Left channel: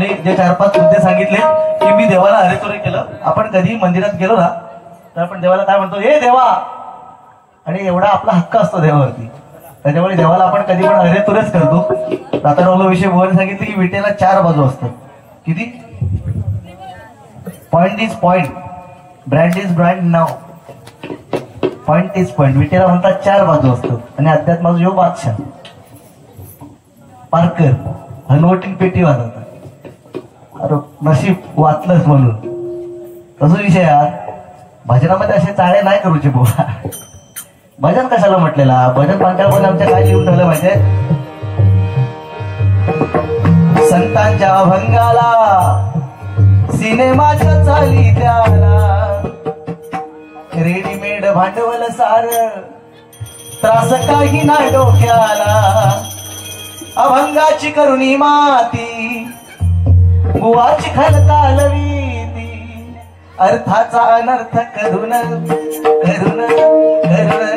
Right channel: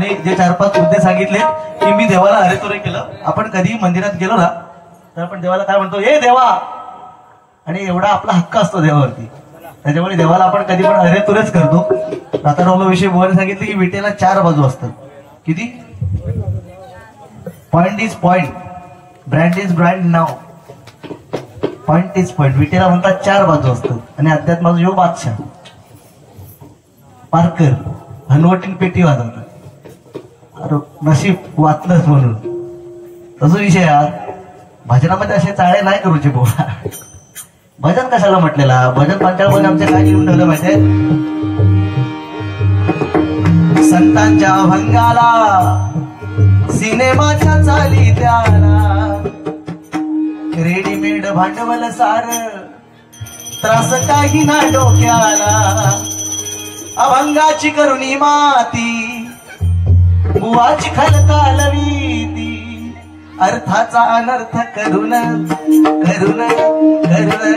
बुवाने जे 4-5 मुद्दे सांगितले की मी देवाला अरेतुरे केलं. आपण कधी मंदिरात गेलो ना तर आपण देवाला काय म्हणतो, हे देवा, आणि एवढा आपला हक्क असतो देवावरती. त्याच्यामुळे देवाला आपण कधी पण अरेतुरेच करतो. रातारावला विषय बुवाने सांगितले की विटेला 4 बाजू असतात. किती? Point is point, brand is brand नाव, पॉइंट इज पॉइंट. विटेला म्हणतात 4 बाजू असतात. आणि अध्यात्माचा जो बादशाह पारकर हनवटीन पेटी वाजवतात. अरे नशीब वाचलंच म्हणून. तसं विषय यार, भजनामध्ये असे चाळे नाही करूची बुवा. भजन कशाला म्हटलेला? भजन पांचाळमध्ये आमच्या काय लिहून ठेवलं माहितीये? संतांच्या अभंगाला, सिनेमाच्या चाली त्याला, रेडीमेड भांडवल सार, त्रास काही ना डोक्याला. अभंगाची करुणी माती, बुवाची खलकालवीती, अर्थाचा अनर्थ करून करून करून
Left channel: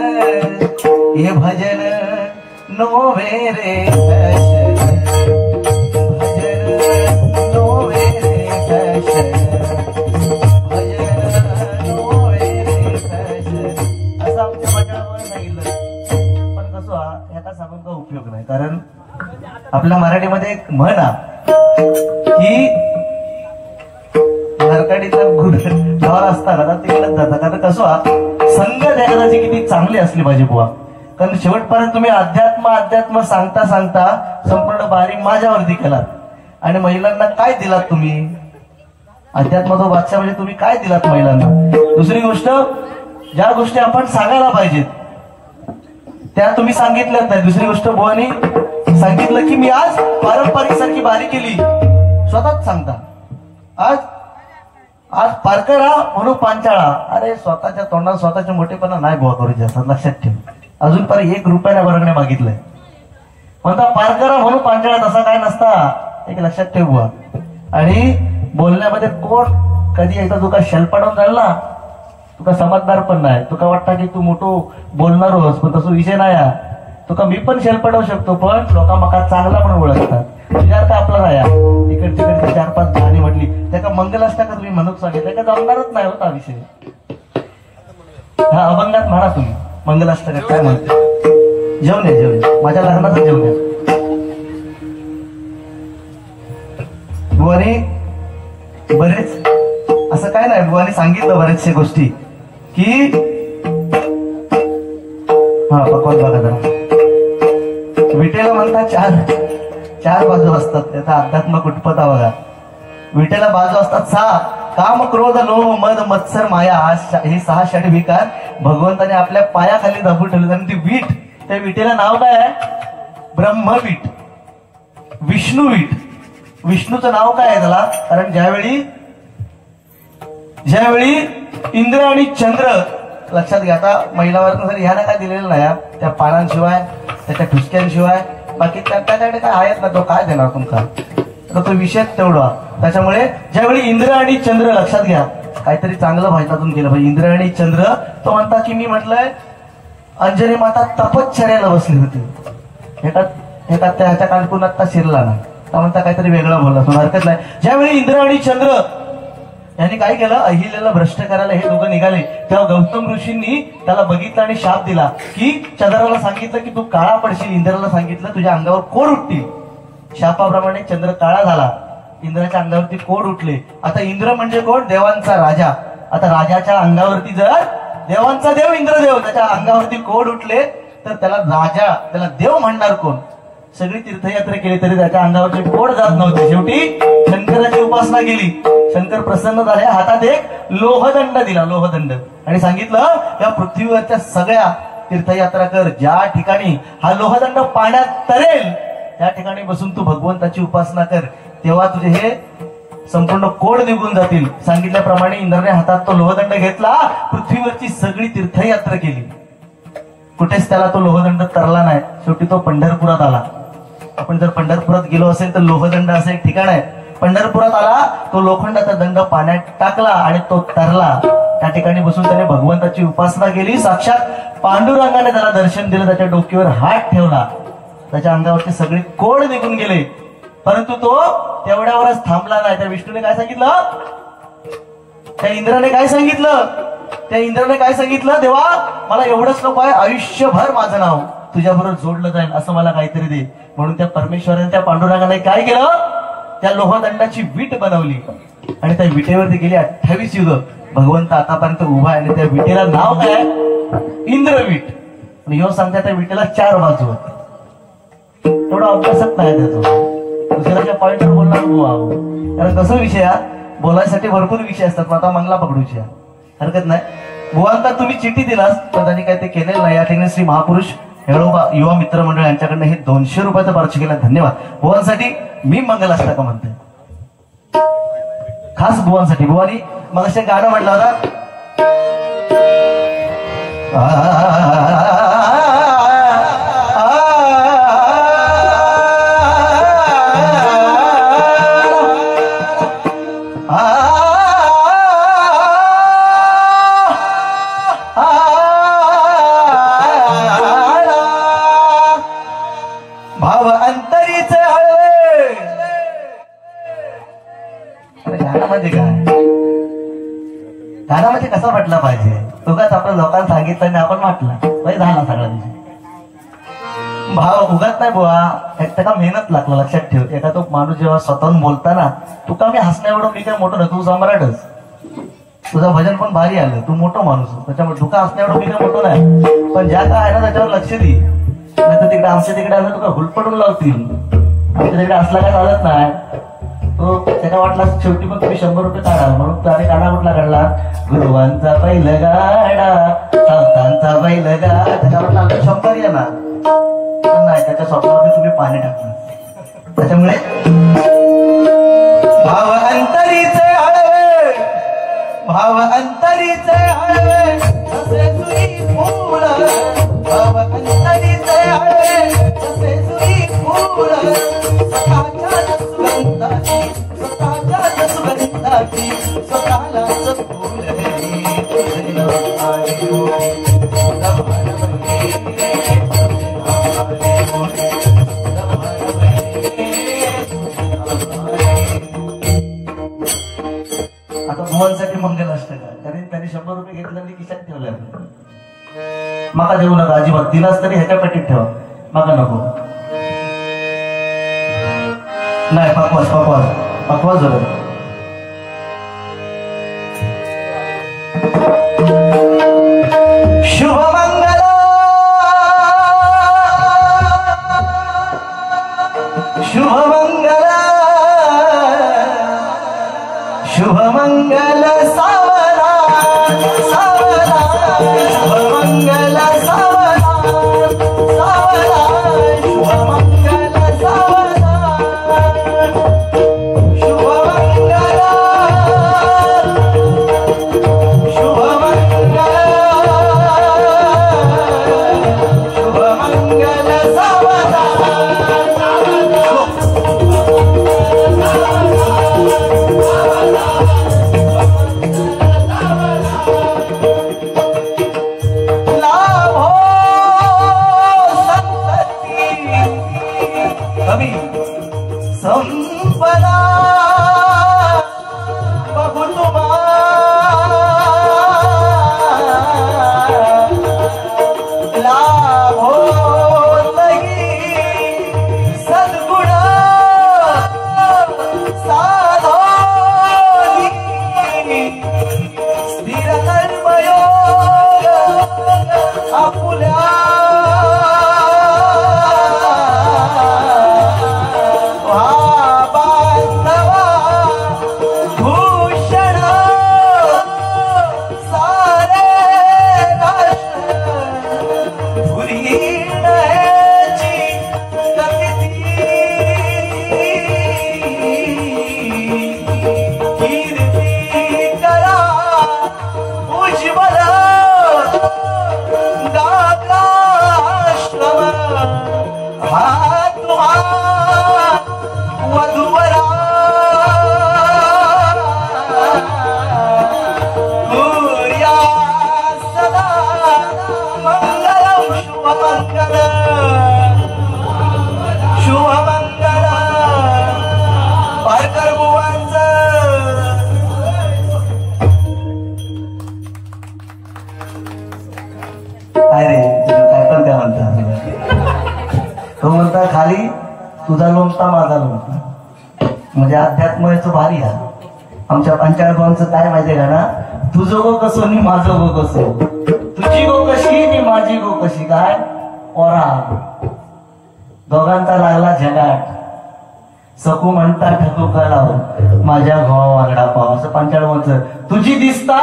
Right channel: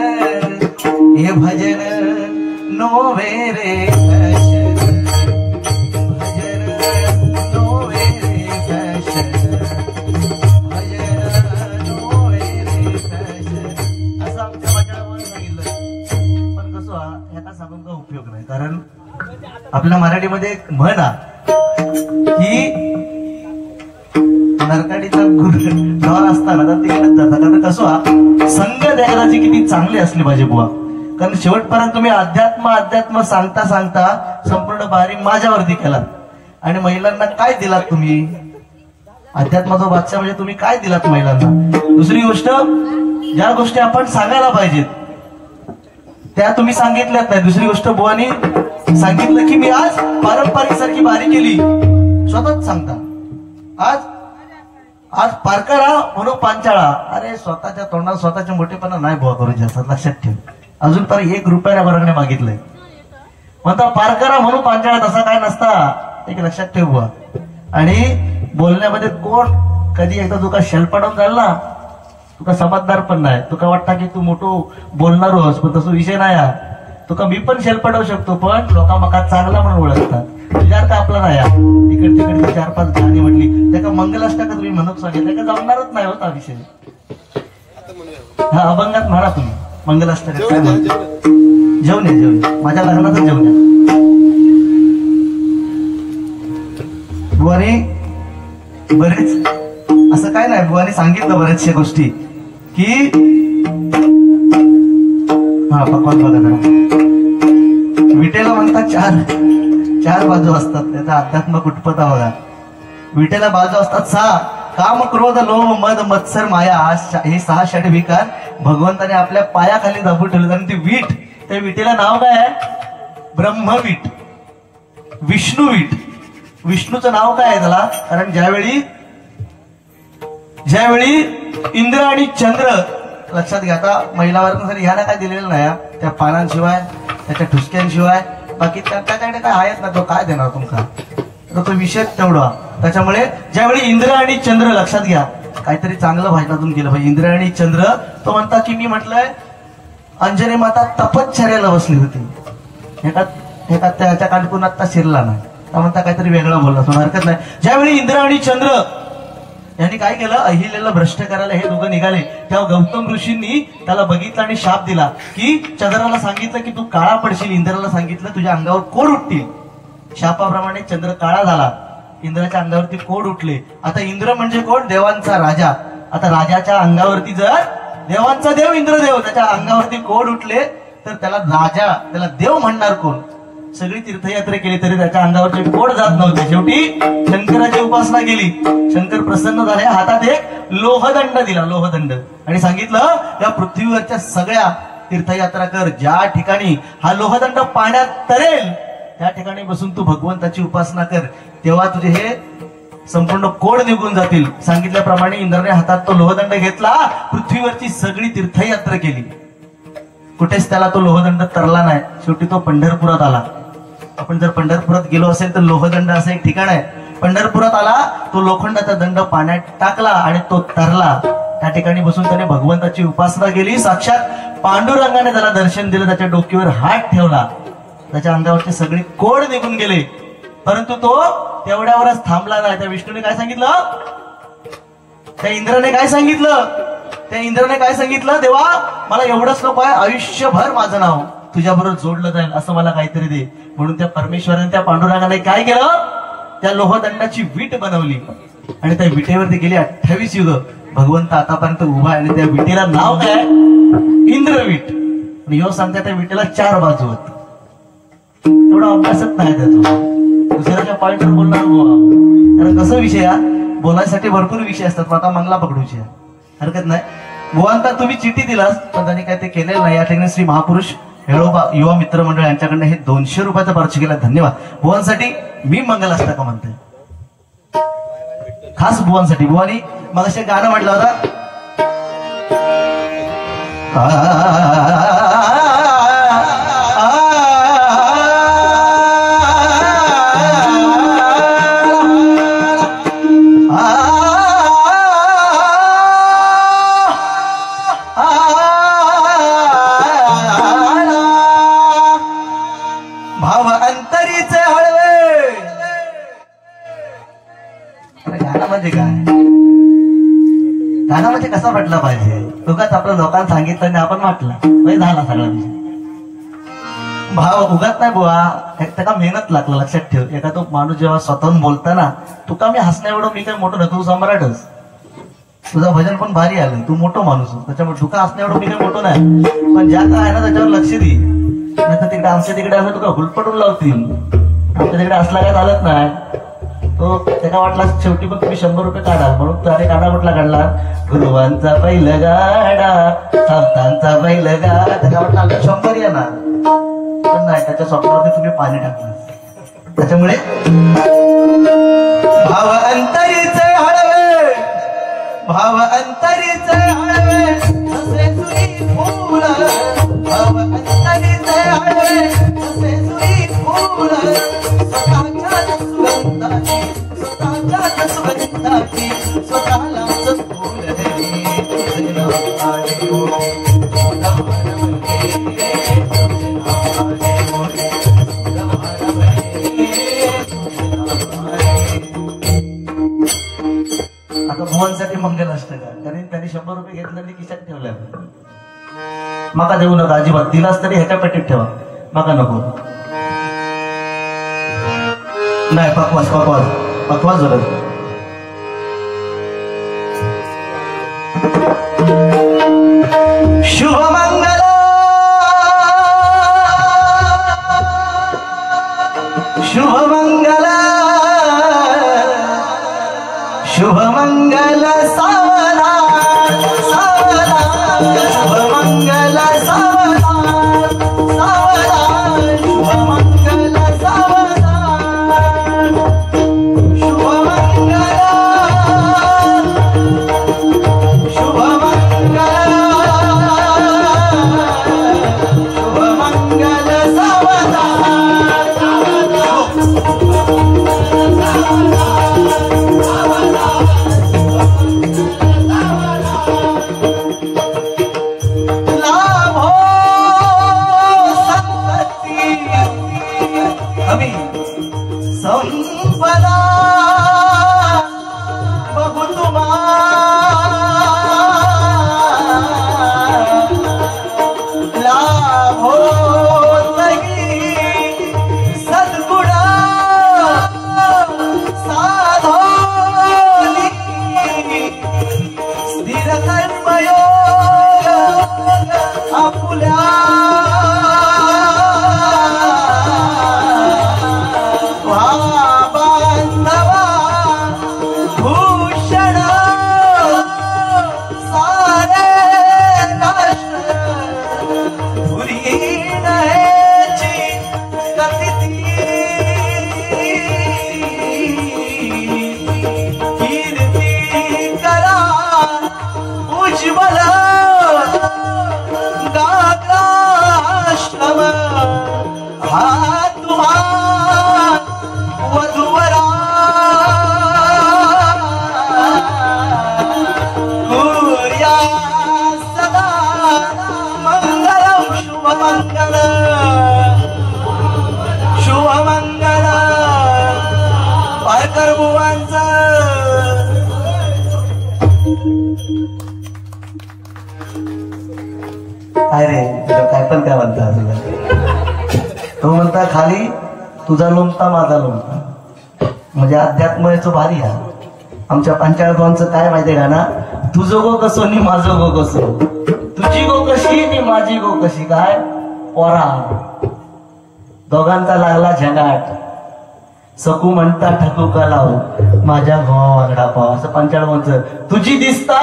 हे भजन नोवे रे भजन, भजन नोवे रे भजन, भजन नोवे रे भजन, असं आमच्या भजनामध्ये सांगितलं. पण कसं याचा सांगून का उपयोग नाही. कारण आपल्या मराठीमध्ये एक म्हण की नरकाडीचा गाव असताना तिकडे जातात. कारण कसं संघ देखाची किती चांगली असली पाहिजे बुवा. कारण शेवटपर्यंत तुम्ही अध्यात्म सांगता सांगता संपूर्ण बारी माझ्यावरती केलात. आणि महिलांना काय दिलात तुम्ही? अध्यात्माचा बादशाह म्हणजे तुम्ही काय दिलात महिलांना? दुसरी गोष्ट, ज्या गोष्टी आपण सांगायला पाहिजेत त्या तुम्ही सांगितल्यात नाही. दुसरी गोष्ट, बुवानी सांगितलं की मी आज पारंपरिक सारखी बारी केली, स्वतःच सांगता. आज आज पारकरा म्हणून पांचाळा. अरे स्वतःच्या तोंडात स्वतःचे मोठेपणा नाही बुवा करू जास्त, लक्षात ठेव. अजून तर 1 रुपयाने भरणे मागितलंय म्हणतो पारकरा म्हणून पांचाळा. तसा काय नसता, एक लक्षात ठेव बुवा. आणि बोलण्यामध्ये कोण कधी एकदा तुका शेल पडवून जाईल ना, तुका समजदार पण नाही. तुका वाटतं की तू मोठं बोलणार होस, पण तसं विषय नाही. तुका मी पण शेल पडवू शकतो, पण लोक मका चांगला म्हणून ओळखतात. तुझ्या आता आपला नाही. तिकडे तिकडे 4-5 गाणी म्हटली, त्याका मंगलाष्टक तुम्ही म्हणून सांगितलं का जमणारच नाही होता विषय. हा अभंगात म्हणा तुम्ही मंगलाष्टक काय म्हणतो. जेवण आहे, जेवण माझ्या लग्नातच जेवण आहे. बुवानी बरेच असं काय नाही, बुवानी सांगितलं बऱ्याचशा गोष्टी की हा भगवान बघा जरा. विटेला म्हणतात 4 बाजू असतात. त्याचा अध्यात्म कुटपता बघा. विटेला बाजू असतात 6. काम, क्रोध, लोभ, मद, मत्सर, माया, हे 6 षडविकार भगवंताने आपल्या पायाखाली दाबून ठेवले. आणि ती वीट, त्या विटेला नाव काय आहे? ब्रह्मवीट, विष्णुवीट. विष्णूचं नाव काय आहे त्याला? कारण ज्यावेळी इंद्र आणि चंद्र, लक्षात घ्या. आता महिलावर ह्याला काय दिलेलं नाही, त्या पानांशिवाय त्याच्या ठुसक्यांशिवाय बाकी त्याच्याकडे काय आहेत ना, तो काय देणार तुमचा? तो विषय तेवढा. त्याच्यामुळे ज्यावेळी इंद्र आणि चंद्र, लक्षात घ्या, काहीतरी चांगलं भाषणातून केलं पाहिजे. इंद्र आणि चंद्र, तो म्हणतात की मी म्हटलंय अंजनी माता तपश्चर्याला बसली होती. एका त्याच्या कानपून आता शिरला नाही, तर म्हणता काहीतरी वेगळा बोलला, हरकत नाही. ज्यावेळी इंद्र आणि चंद्र यांनी काय केलं, अहिल्याला भ्रष्ट करायला हे दोघं निघाले, तेव्हा गौतम ऋषींनी त्याला बघितलं आणि शाप दिला की चंद्राला सांगितलं की तू काळा पडशील, इंद्राला सांगितलं तुझ्या अंगावर कोड उठतील. शापाप्रमाणे चंद्र काळा झाला, इंद्राच्या अंगावरती कोड उठले. आता इंद्र म्हणजे कोण? देवांचा राजा. आता राजाच्या अंगावरती जर देवांचा देव इंद्रदेव, त्याच्या अंगावरती कोड उठले तर त्याला राजा, त्याला देव म्हणणार कोण? सगळी तीर्थयात्रा केली तरी त्याच्या अंगावरचे कोड जात नव्हते. शेवटी शंकराची उपासना केली. शंकर प्रसन्न झाले, हातात एक लोहदंड दिला, लोहदंड, आणि सांगितलं या पृथ्वीवरच्या सगळ्या तीर्थयात्रा कर, ज्या ठिकाणी हा लोहदंड पाण्यात तरेल त्या ठिकाणी बसून तू भगवंताची उपासना कर, तेव्हा तुझे हे संपूर्ण कोड निघून जातील. सांगितल्याप्रमाणे इंद्राने हातात तो लोहदंड घेतला, पृथ्वीवरची सगळी तीर्थयात्रा केली. कुठेच त्याला तो लोहदंड तरला नाही. शेवटी तो पंढरपुरात आला. आपण जर पंढरपुरात गेलो असेल तर लोहदंड असं एक ठिकाण आहे. पंढरपुरात आला, तो लोखंडाचा दंड पाण्यात टाकला आणि तो तरला. त्या ठिकाणी बसून त्याने भगवंताची उपासना केली. साक्षात पांडुरंगाने त्याला दर्शन दिलं, त्याच्या डोक्यावर हात ठेवला, त्याच्या अंगावरचे सगळे कोड निघून गेले. परंतु तो तेवढ्यावरच थांबला नाही. त्या विष्णूने काय सांगितलं, त्या इंद्राने काय सांगितलं, त्या इंद्राने काय सांगितलं, देवा मला एवढंच नको आहे, आयुष्यभर माझं नाव तुझ्याबरोबर जोडलं जाईल असं मला काहीतरी दे. म्हणून त्या परमेश्वराने त्या पांडुरंगाने काय केलं, त्या लोहदंडाची वीट बनवली आणि त्या विटेवरती गेली 28 युग. भगवंत आतापर्यंत उभा आहे आणि त्या विटेला नाव काय, इंद्रवीट. आणि ह्यो सांगता त्या विटेला 4 बाजू होत. थोडा अभ्यासच नाही त्याचा, दुसऱ्याच्या पॉइंटवर बोलणार कारण कसं विषय बोलायसाठी भरपूर विषय असतात. आता मंगला पकडूची हरकत नाही. बुवांता तुम्ही चिठ्ठी दिलास तर त्यांनी काय ते केलेलं नाही. या ठिकाणी श्री महापुरुष हेळोबा युवा मित्र मंडळ यांच्याकडनं हे 200 रुपयाचा पर्च केला, धन्यवाद. बुवांसाठी मी मंगलाष्टक म्हणते, खास बुवांसाठी. बुवानी मग असे गाणं म्हटलं होता, भाव अंतरीच गाणं म्हणजे काय, गाणं म्हणजे कसा म्हटला पाहिजे, उगाच आपल्या लोकांना सांगितलं आणि आपण म्हटलं म्हणजे झाला सगळा विषय. भाव उगाच नाही बुवा, त्याला मेहनत लागला. लक्षात ठेव, एका तो माणूस जेव्हा स्वतःहून बोलताना, तुका मी हसण्या एवढं मी काय मोठं नाही, तू सम्राटच, तुझं भजन पण भारी आलं, तू मोठं माणूस, त्याच्यामुळे तुका हसण्या एवढं मी काय मोठं नाही. पण ज्या काय आहे ना त्याच्यावर लक्ष दे, नाही तर तिकडे आमच्या तिकडे आलं तुका हुलपटून लावतील. आमच्या तिकडे असला काय चालत नाही. तो त्याला वाटला शेवटी पण तुम्ही 100 रुपये काढा, म्हणून त्याने काढा कुठला काढला, गुरुवांचा पहिलं गाडा, सावतांचा पहिलं गाडा, त्याच्या वाटलं 100 येणार. पण नाही, त्याच्या स्वप्नावरती तुम्ही पाणी टाकलं. त्याच्यामुळे भाव अंतरीचे आडवे, भाव अंतरीचे आडवे, जसे सुई फूल, भाव अंतरीचे आडवे, जसे सुई फूल, स्वतःच्या सुगंधाची, स्वतःच्या सुगंधाची, स्वतःला फूल साठी मंगल असतं का, त्यांनी 100 रुपये घेतले आणि खिशात ठेवले. माका देऊ नका अजिबात, दिलास तरी ह्याच्या पेटीत ठेवा, माका नको. नाही, पकवास पकवास पकवास झालं. शुभमंगल शुभमंगल शुभमंगल सावला सावला, शुभमंगल सावला सावला, शुभमंगल सावला, शुभमंगल शुभमंगल शुभमंगल सावला. लाभो काय रे तुझं काय पण काय म्हणता तो म्हणता खाली तुझा लोमता माझा लोमता म्हणजे अध्यात्म याचं भारी आहे. आमच्या पंचायतचं काय माहितीये का ना, तुझं गो कसं मी माझं गो कसं, तुझी गो कशी मी माझी गो कशी. काय पोरा दोघांचा लागला झगाट, सकू म्हणता ठकू का लावून माझ्या भावा वागडा पाव. असं पंचायतचं तुझी दिसता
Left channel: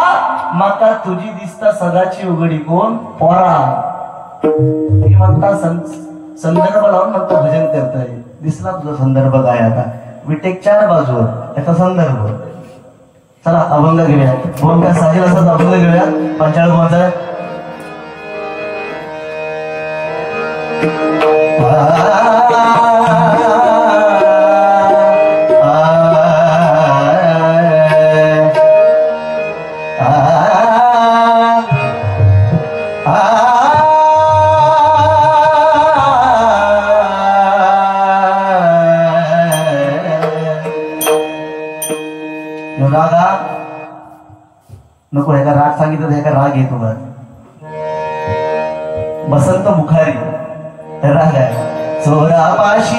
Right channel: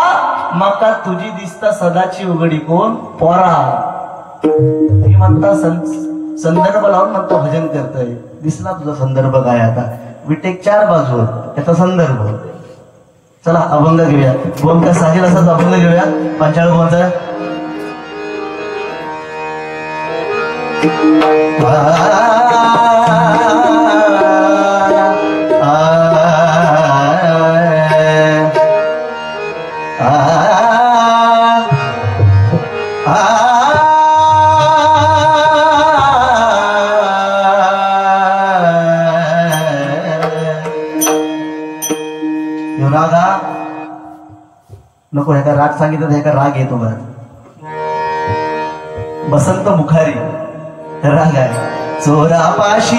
माका तुझी दिसता सदाची उघडी कोण पोरा. ती म्हणता संदर्भ लावून म्हणता भजन करतोय. दिसला तुझा संदर्भ काय आता. विटेक 4 बाजूवर याचा संदर्भ. चला अभंग घेऊया. भोंका साहिल असाच अभंग घेऊया. पंचाळ भोंचा नको. एका राग सांगितलं एका राग येतो बघ. बसंत मुखारी राग आहे. चोरापाशी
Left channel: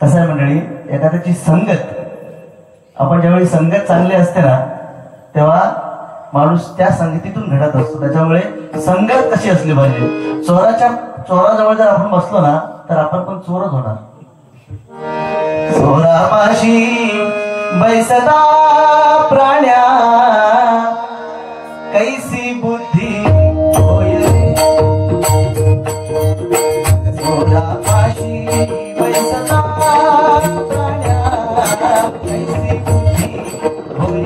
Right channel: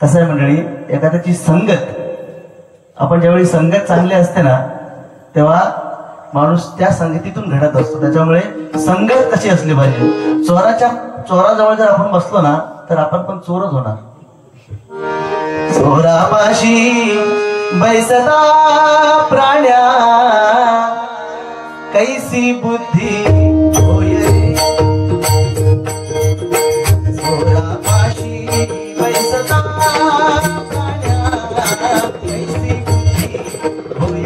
कसं आहे मंडळी, एखाद्याची संगत, आपण ज्यावेळी संगत चांगली असते ना तेव्हा माणूस त्या संगतीतून घडत असतो. त्याच्यामुळे संगत कशी असली पाहिजे. चोराजवळ जर आपण बसलो ना तर आपण पण चोरच होणार. चोरापाशी बैसला प्राण्या कैसी बुद्धी होय. चोरापाशी बैसला प्राण्या कैसी बुद्धी होय.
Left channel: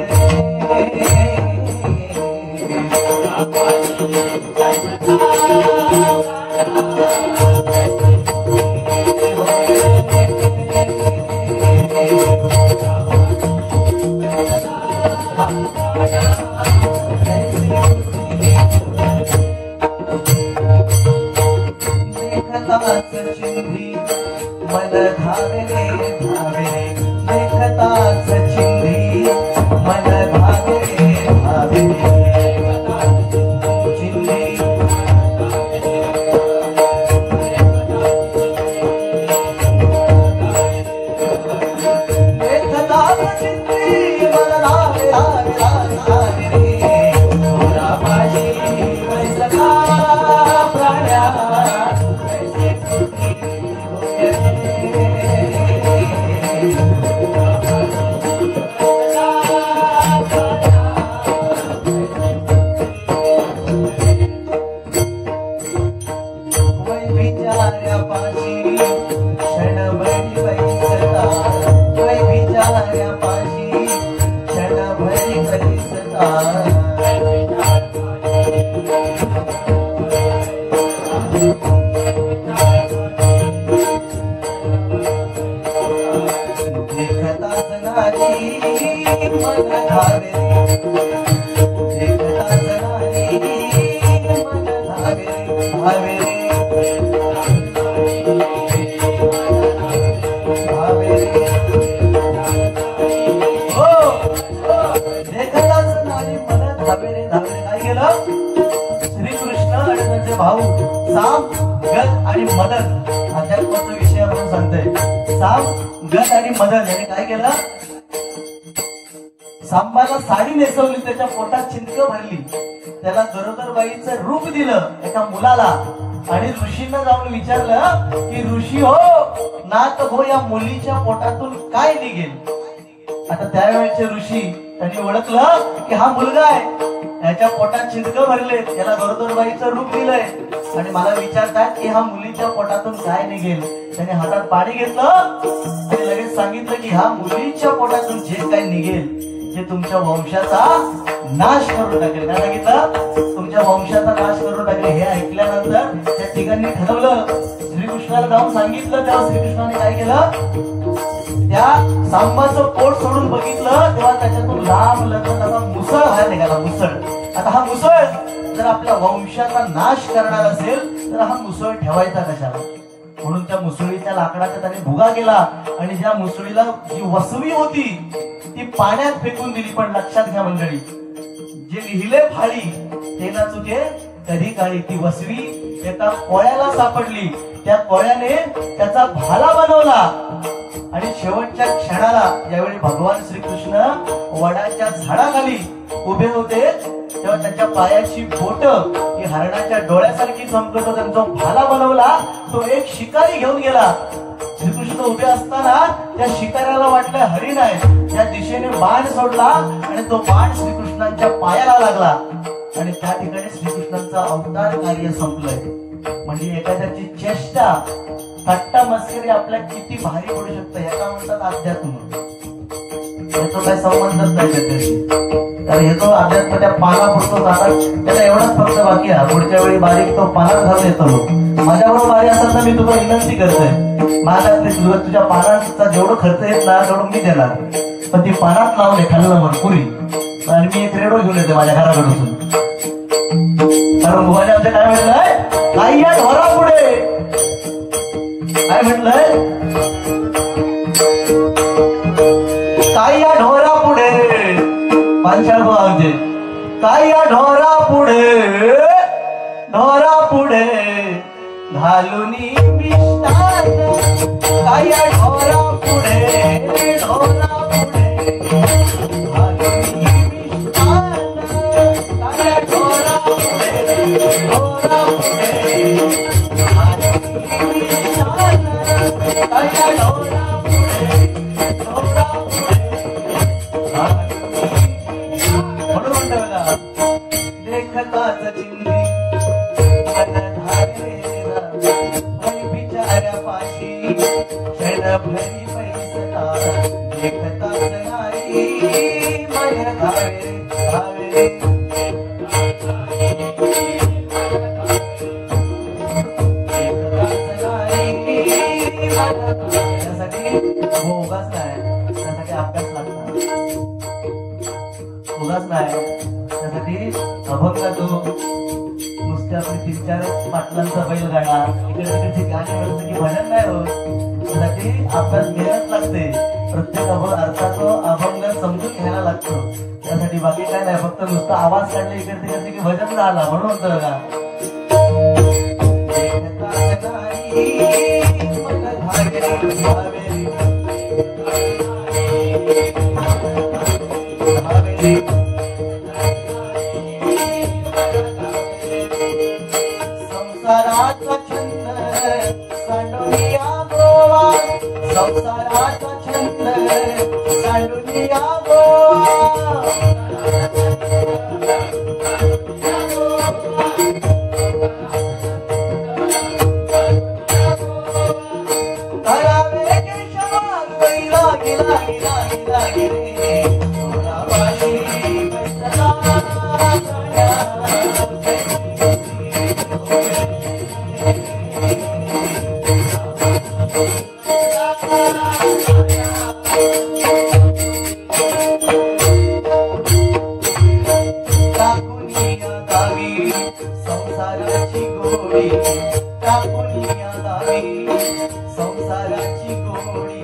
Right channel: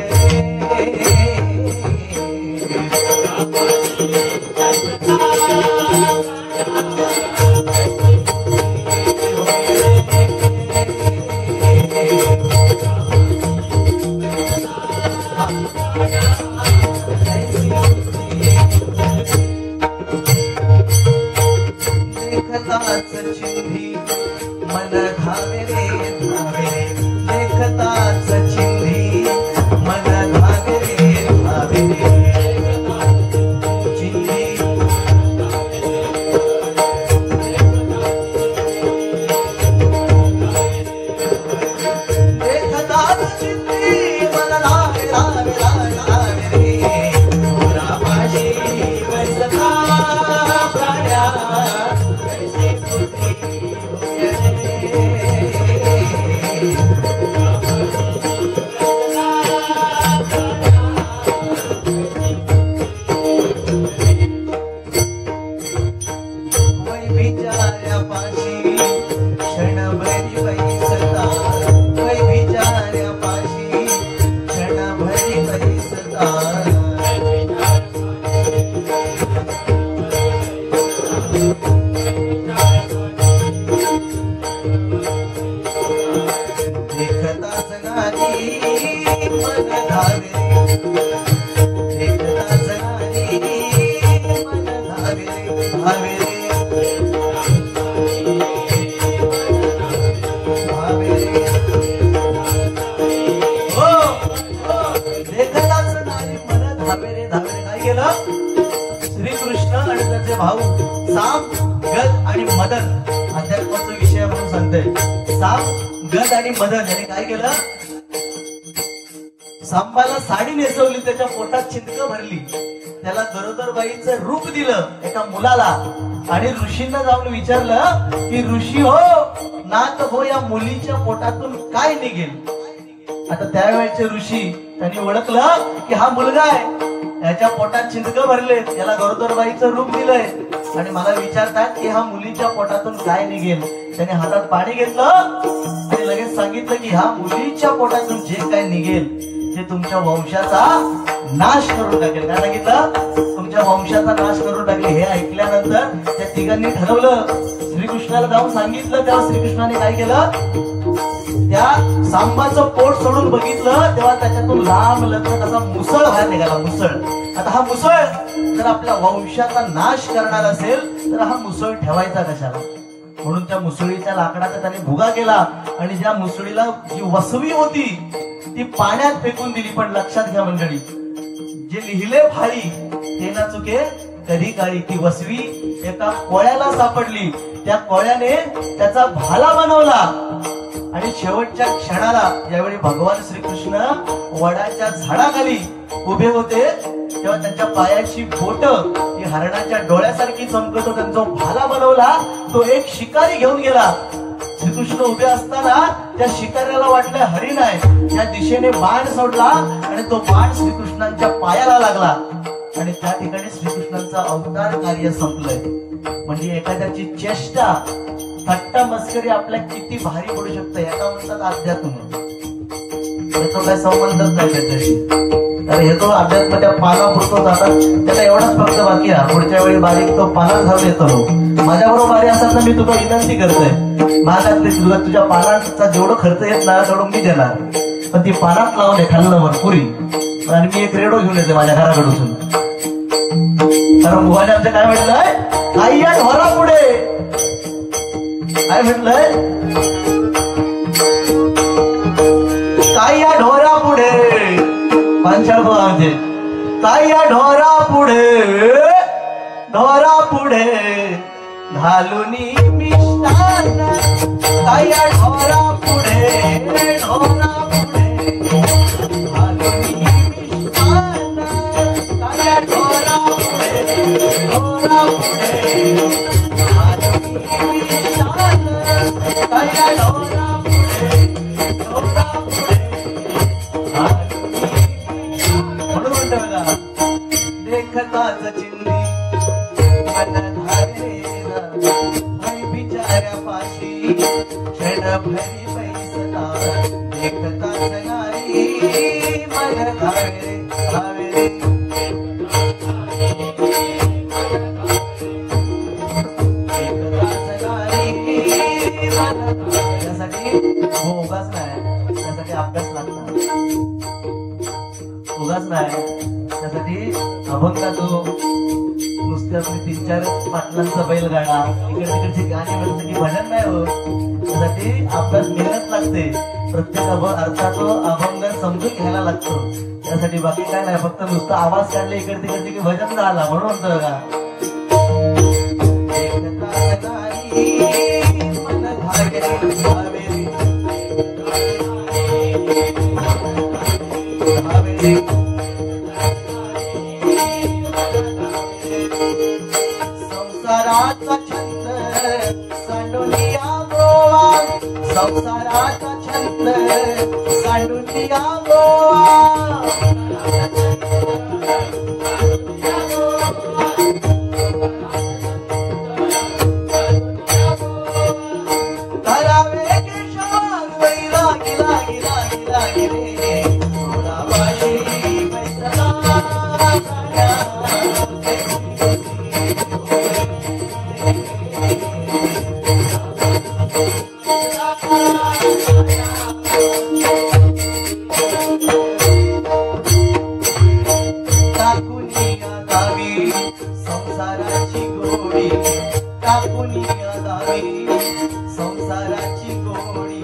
श्रीकृष्ण आणि त्याचे भाऊ साम गद आणि मदन अध्यात्माचा विषय म्हणून सांगतोय. साम गद आणि मदन याने काय केलं, सांबाला साडी नेसवली, त्याच्या पोटात छिंदकं भरली, त्याला गरोदरबाईचं रूप दिलं एका मुलाला आणि ऋषींना जाऊन विचारलं की ऋषी हो नाथ हो या मुलीच्या पोटातून काय निघेल. आता त्यावेळेचे ऋषी त्यांनी ओळखलं की हा मुलगा आहे, याच्या पोटात छिंदकं भरले, त्याला गरोदरबाईचं रूप दिलंय आणि मला विचारतात की हा मुलीच्या पोटातून काय निघेल. त्याने हातात पाणी घेतलं आणि लगेच सांगितलं की ह्या मुलीच्या पोटातून जे काय निघेल ते तुमच्या वंशाचा नाश करून टाकेल. काय सांगितलं, तुमच्या वंशाचा नाश करून टाकेल. हे ऐकल्यानंतर त्या तिघांनी ठरवलं, श्रीकृष्णाला जाऊन सांगितलं. तेव्हा श्रीकृष्णाने काय केलं, त्या सांबाचं पोट सोडून बघितलं तेव्हा त्याच्यातून लांब लचक असा मुसळ बाहेर निघाला. मुसळ. आता हा मुसळ जर आपल्या वंशाचा नाश करणार असेल तर हा मुसळ ठेवायचा कशाला, म्हणून त्या मुसळीच्या लाकडाचा त्याने भुगा केला आणि ज्या मुसळीला जी वसवी होती ती पाण्यात फेकून दिली. पण लक्षात घ्या मंडळी, जे लिहिले फाळी ते ना चुके कधी काळी ती वसवी एका कोळ्याला सापडली. त्या कोळ्याने त्याचा भाला बनवला आणि शेवटच्या क्षणाला यावेळी भगवान श्रीकृष्ण वडाच्या झाडाखाली उभे होते तेव्हा त्यांच्या पायाची बोट ही हरणाच्या डोळ्यासारखी चमकत होती. त्यांचा भाला बनवला तो एक शिकारी घेऊन गेला. श्रीकृष्ण उभे असताना त्या शिकाऱ्याला वाटलं हरिण आहे. त्या दिशेने बाण सोडला आणि तो बाण श्रीकृष्णांच्या पायाला लागला आणि त्या ठिकाणी श्रीकृष्णांचं अवतार कार्य संपलंय. म्हणजे एखाद्याची चेष्टा थट्टा मस्करी आपल्या किती भारी पडू शकतं याचा म्हणतात अध्यात्म. याचा काय संबंधच नाही त्याच्याशी. तर हे जो अध्यात्म त्या पाना पुरतो जातात त्याला एवढाच फक्त बाकी आहे. पुढच्या वेळी बारीक तो पानात जाऊन येतो. माझ्याबरोबर बारी असताना मी तुला विनंती करतोय मागातले तुझ्या पानाचा जेवढं खर्च येत ना तेवढं मी देणार. पण ती पानात लावून खाल्ल्यावर पुरी आणि मी एक रेडो घेऊन येते माझ्या घराकडून. कारण मुलाने आमच्या काय म्हटलंय काही या ढोरा पुढे काय म्हटलंय काय या ढोरा पुढे पांचाळ बोलावते काय या ढोरा पुढे ढोरा पुढे घालून मिष्टान काय या ढोरा पुढे ढोरा पुढे घालून मिष्टान काय या ढोरा पुढे ढोरा पुढे भरी पैसता देखता सनारी मन धावे धावे त्यासाठी उगाच नाही त्यासाठी अभ्यास लागतो उगाच नाही त्यासाठी अभंगाचो नुसते आपली 3-4 पाटलांचा बैलगाडा इकडे तिकडची गाणी म्हणण्यासाठी भजन नाही होत. त्यासाठी अभ्यास मेहनत लागते. प्रत्येक अर्थाचा अभंग समजून घ्यायला लागतो. त्यासाठी बाकी काय नाही फक्त नुसता आवाज काढले इकडे तिकडे की भजन झाला म्हणून म्हणतो का संसाराचा छंद सांडूनिया गोवा संसाराचा छंद सांडूनिया गोवा धरावे केशवान बैला गिला गिला गिला गिरे संसाराची गोडी टाकुनिया दावी संसाराची गोडी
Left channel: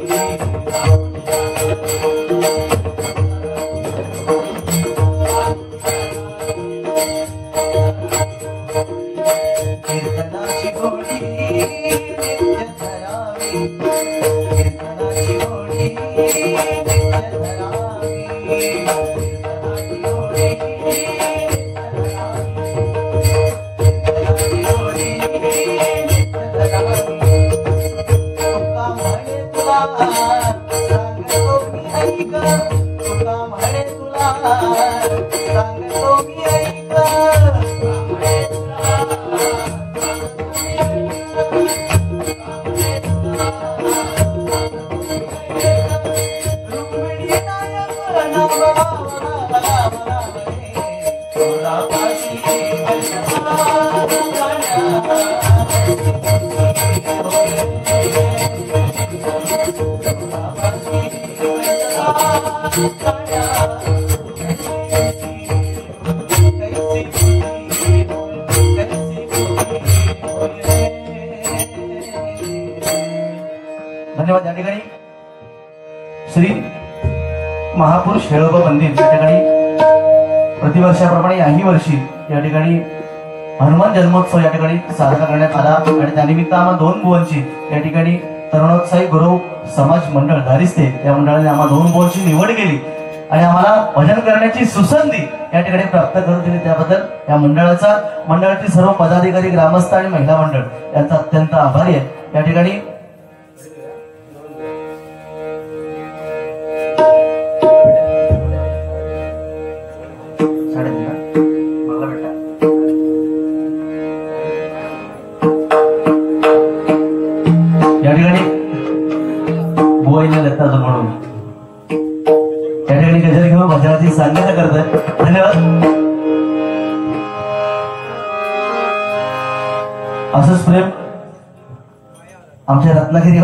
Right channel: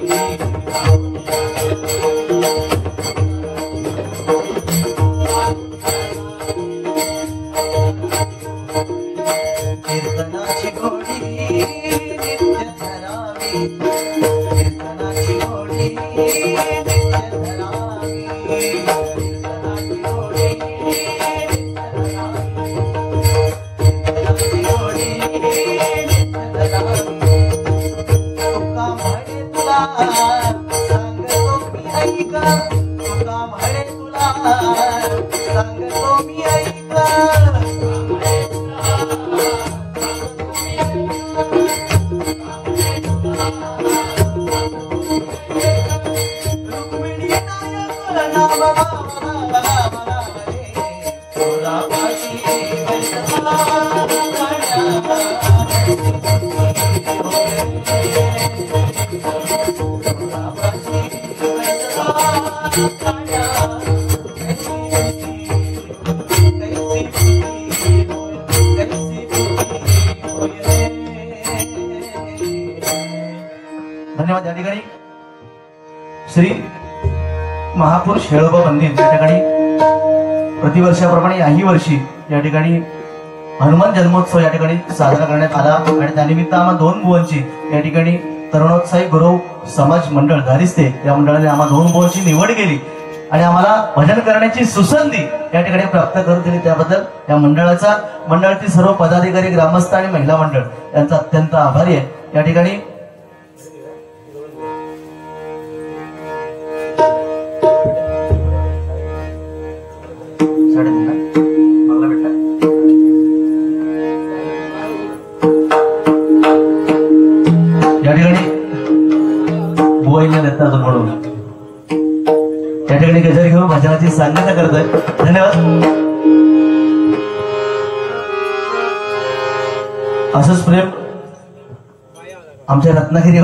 कीर्तनाची गोडी नित्य धरावी कीर्तनाची गोडी नित्य धरावी धन्यवाद. या ठिकाणी श्री महापुरुष हेळोबा मंदिर या ठिकाणी प्रतिवर्षाप्रमाणे याही वर्षी या ठिकाणी हनुमान जन्मोत्सव या ठिकाणी साजरा करण्यात आला आणि त्यानिमित्त आम्हा 2 बुवांची या ठिकाणी तरुणोत्साही गुरु समाज मंडळ धारिस्ते या मंडळाने आम्हा 2 बुवांची निवड केली आणि आम्हाला भजन करण्याची सुसंधी या ठिकाणी प्राप्त करून दिली. त्याबद्दल या मंडळातील सर्व पदाधिकारी, ग्रामस्थ आणि महिला मंडळ यांचा अत्यंत आभारी आहे. या ठिकाणी म्हणून या ठिकाणी गजर घेऊन भजनाची सांगता करतोय. धन्यवाद. असंच प्रेम आमच्या रत्नागिरी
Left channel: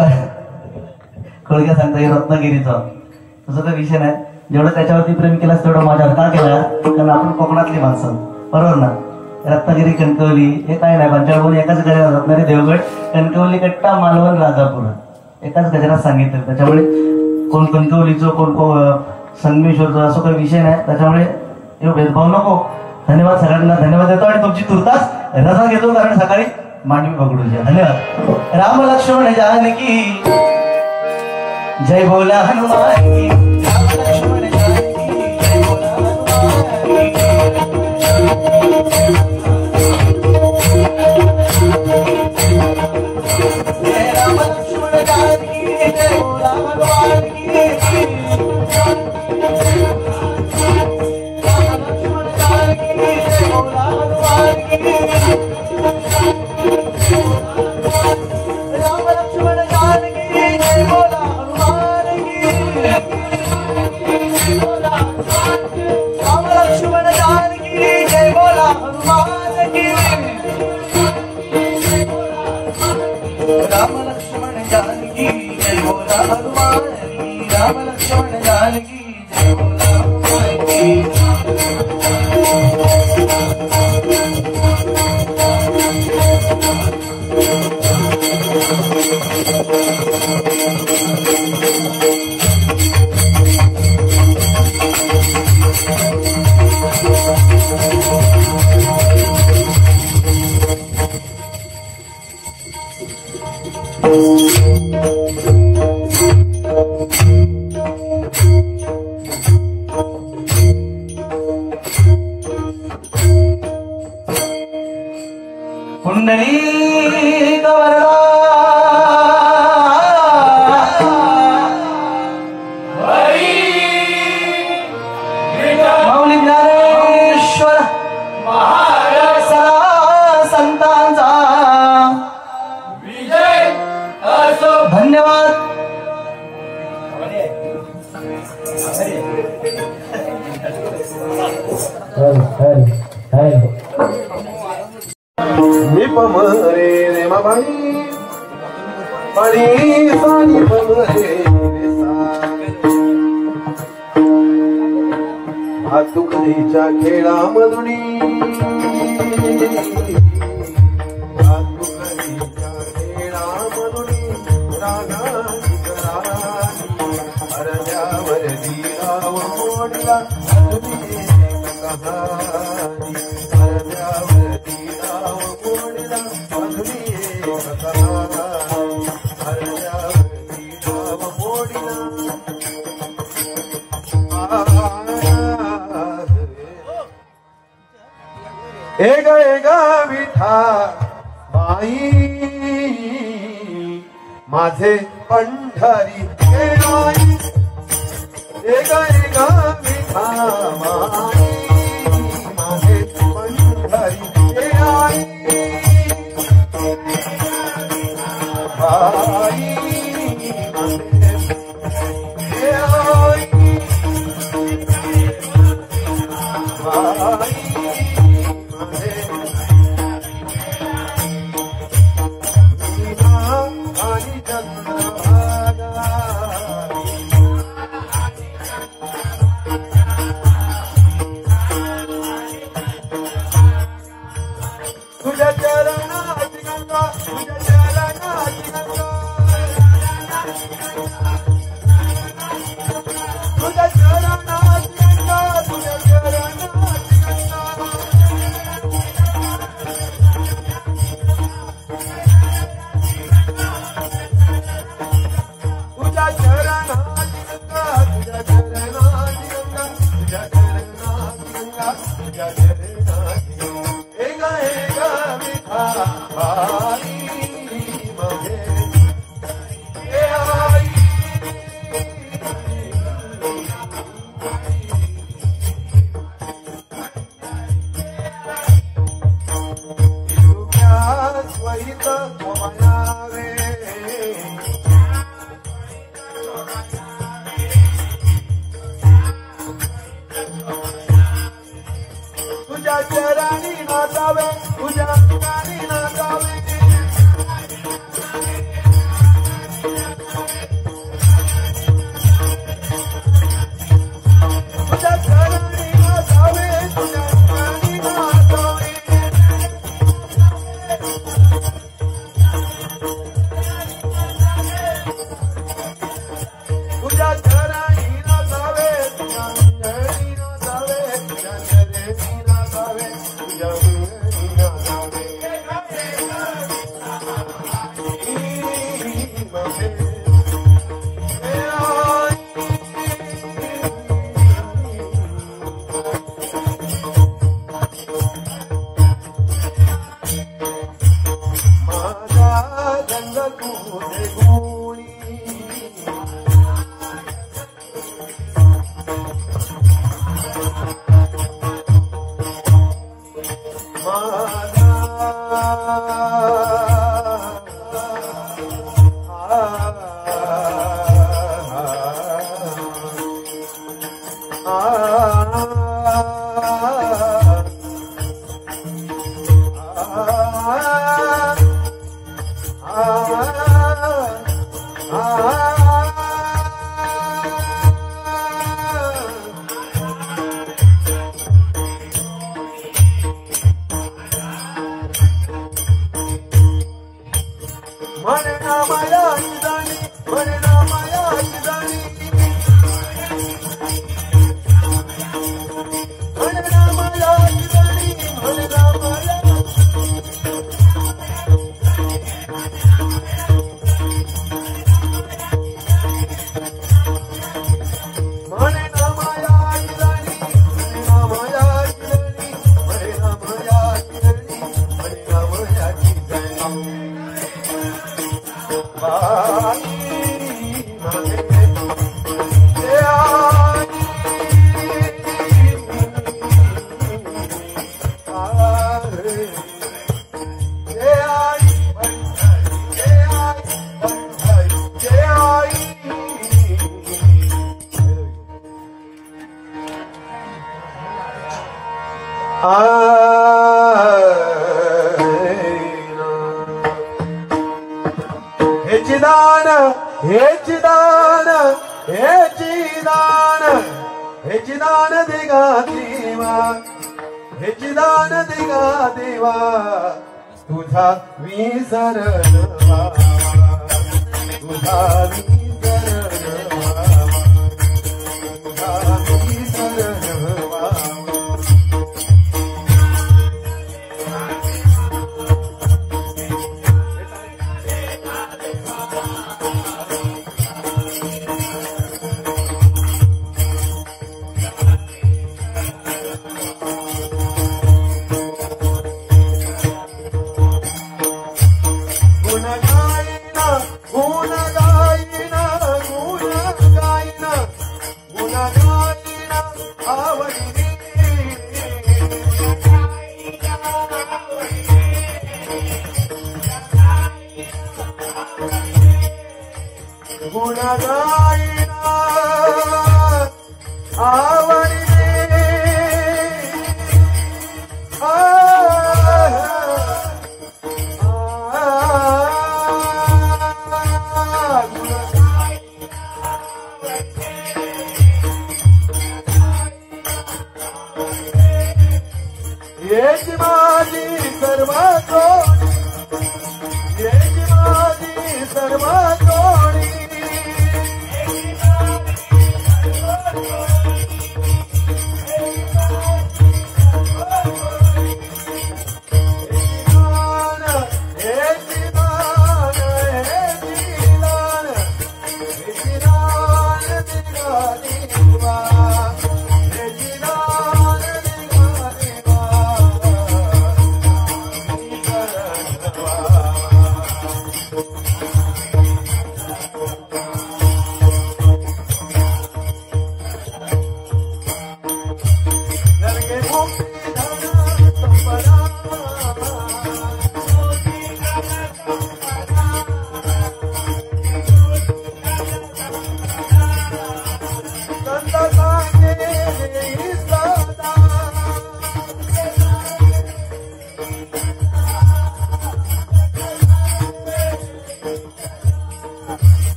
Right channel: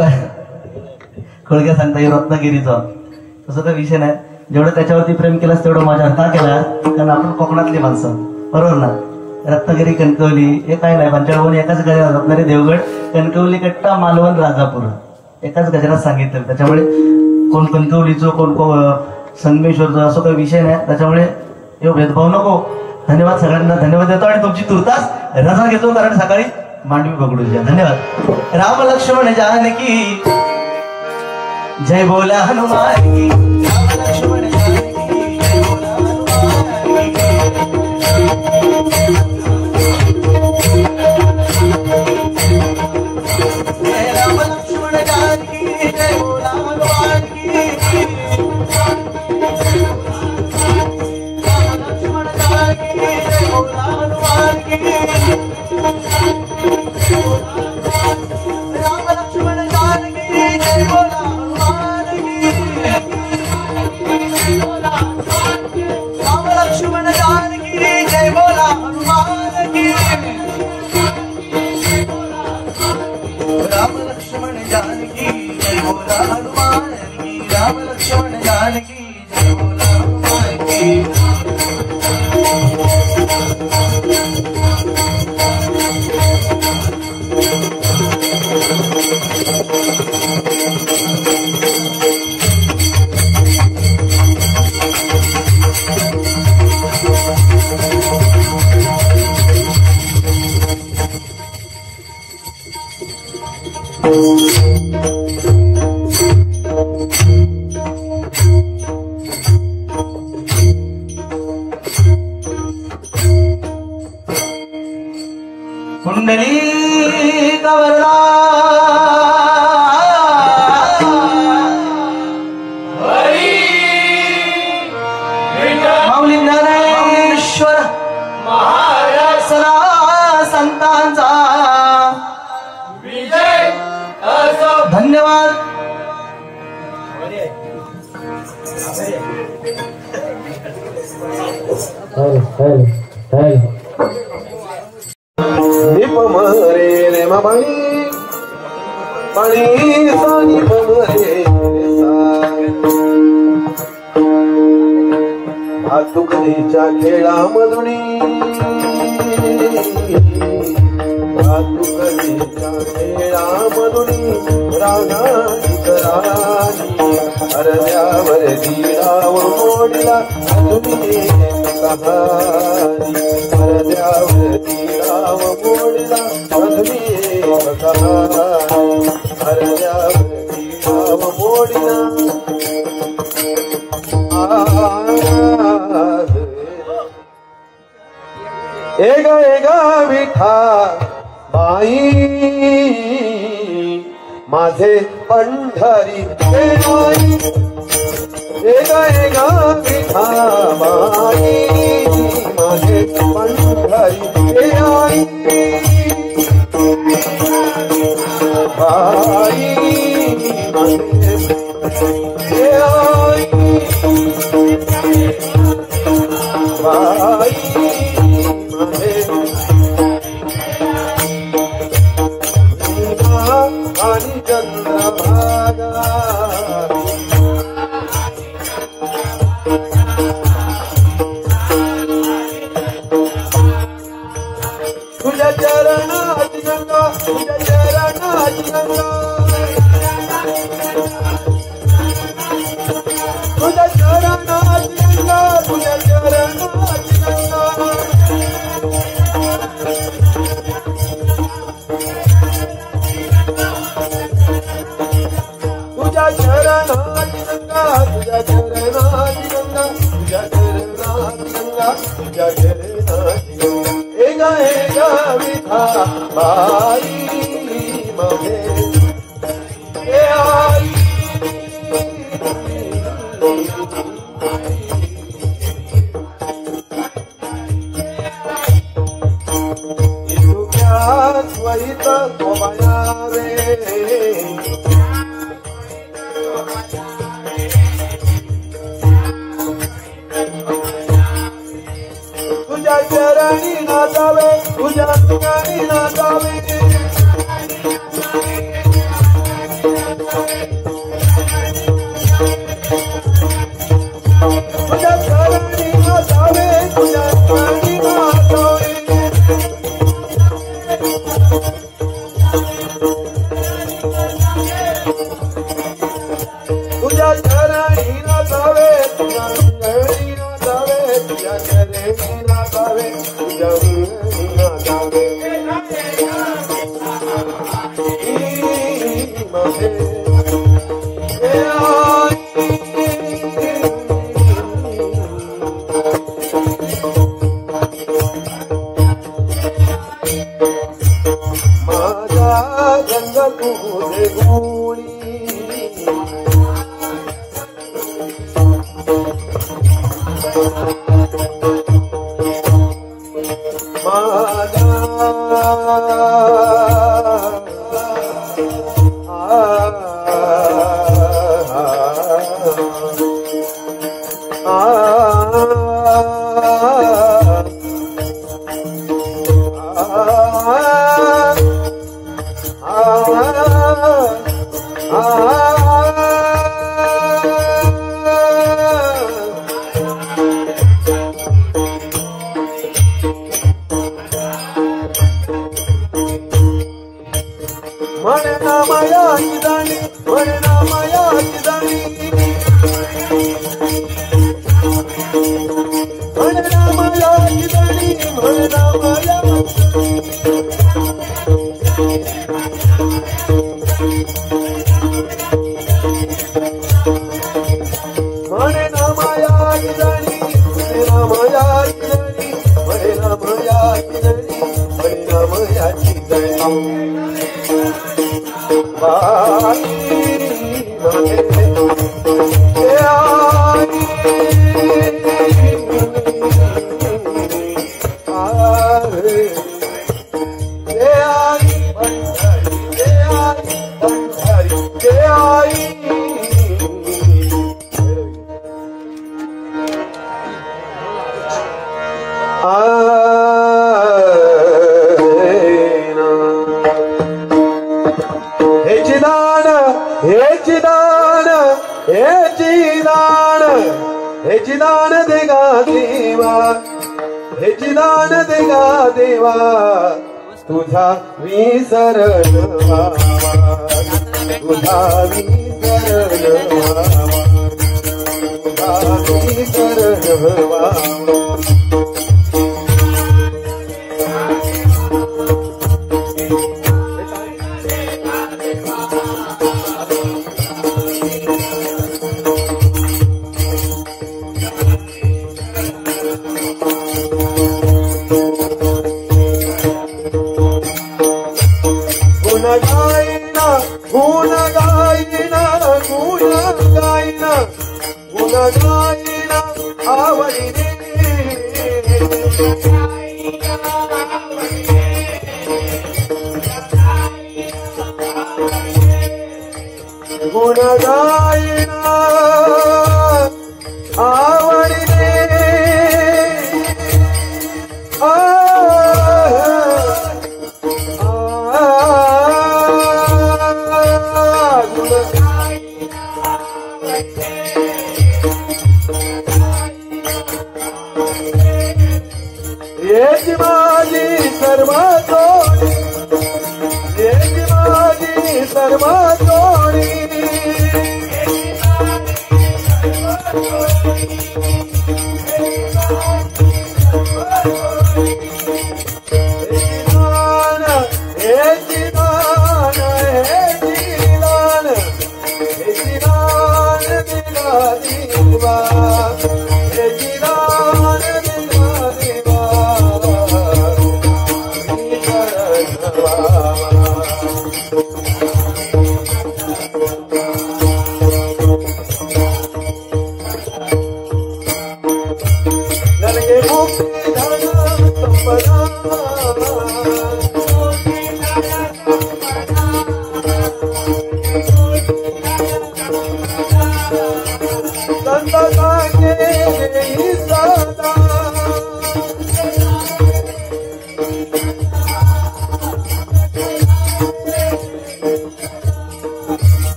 खोळग्या सांगता येईल रत्नागिरीचं तसं काही विषय नाही. जेवढं त्याच्यावरती प्रेम केलास तेवढं माझ्यावर का केला, कारण आपण कोकणातली माणसं, बरोबर ना. रत्नागिरी, कणकवली हे काय नाही, पंचाळवून एकाच गजरात रत्नागिरी, देवगड, कणकवली, कट्टा, मालवण, राजापूर एकाच गजरात सांगितलं. त्याच्यामुळे कोण कणकवलीचं कोण संगमेश्वरचं असं काही विषय नाही, त्याच्यामुळे भेदभाव नको. धन्यवाद सगळ्यांना, धन्यवाद देतो आणि तुमची तुर्तास रजा घेतो कारण सकाळी मांडवी पकडूया. धन्यवाद. राम लक्ष्मण जानकी जय बोला हनुमान की. राम लक्ष्मण जानकी जय बोला माझे पंढरी माझे तुझ्या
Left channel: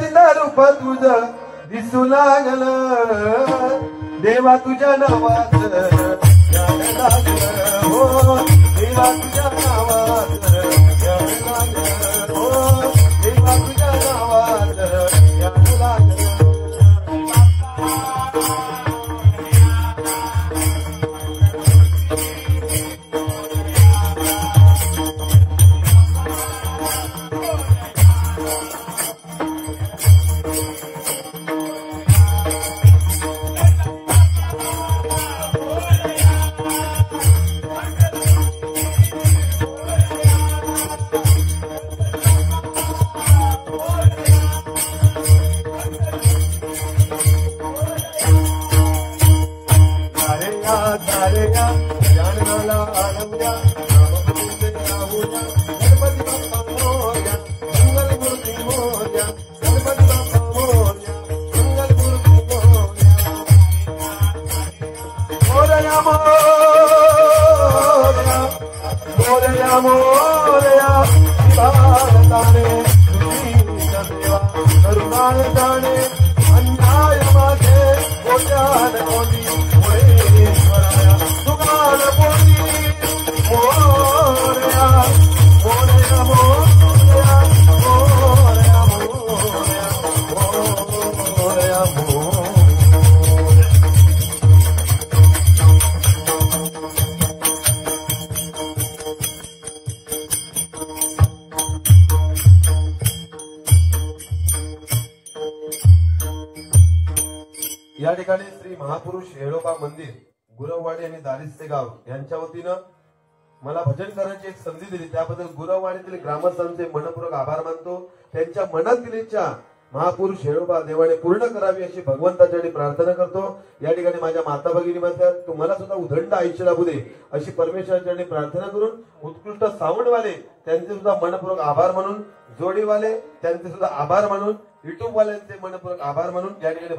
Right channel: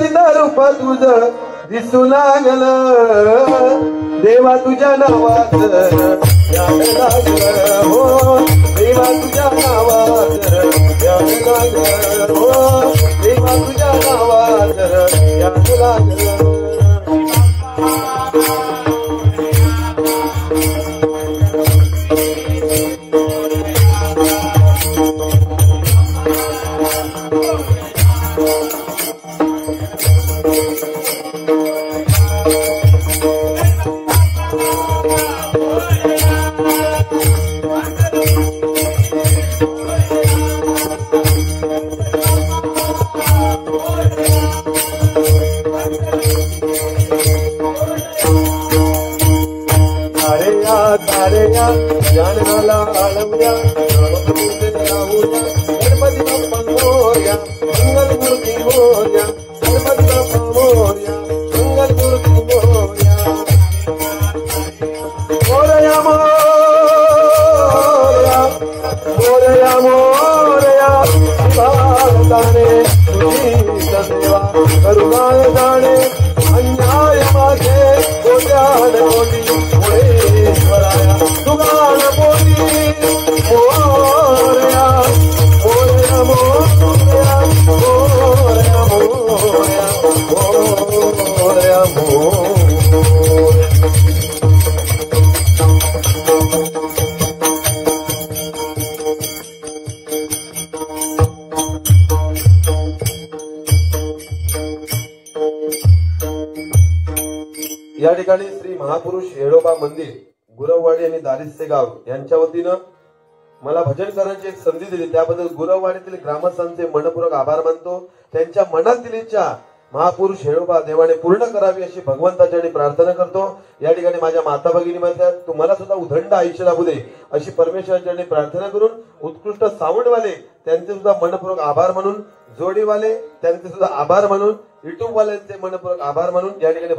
गणपतीचं रूप तुझं दिसू लागल देवा तुझ्या नावात याद लागलं हो देवा तुझ्या नावात याद लागलं हो देवा तुझ्या नावात याद लागलं या ठिकाणी श्री महापुरुष येळोबा मंदिर गुरववाडी आणि दारिस्ते गाव यांच्या वतीनं मला भजन करण्याची एक संधी दिली त्याबद्दल गुरववाडीतील ग्रामस्थांचे मनपूर्वक आभार मानतो. त्यांच्या मनातील इच्छा महापुरुष येळोबा देवाने पूर्ण करावी अशी भगवंताच्या प्रार्थना करतो. या ठिकाणी माझ्या माता भगिनी म्हणतात तुम्हाला सुद्धा उदंड आयुष्य लाभू दे अशी परमेश्वराच्या प्रार्थना करून उत्कृष्ट साऊंडवाले त्यांचे सुद्धा मनपूर्वक आभार म्हणून जोडीवाले त्यांचे सुद्धा आभार मानून युट्यूब वाल्यांचे मनपूर्वक आभार मानून या ठिकाणी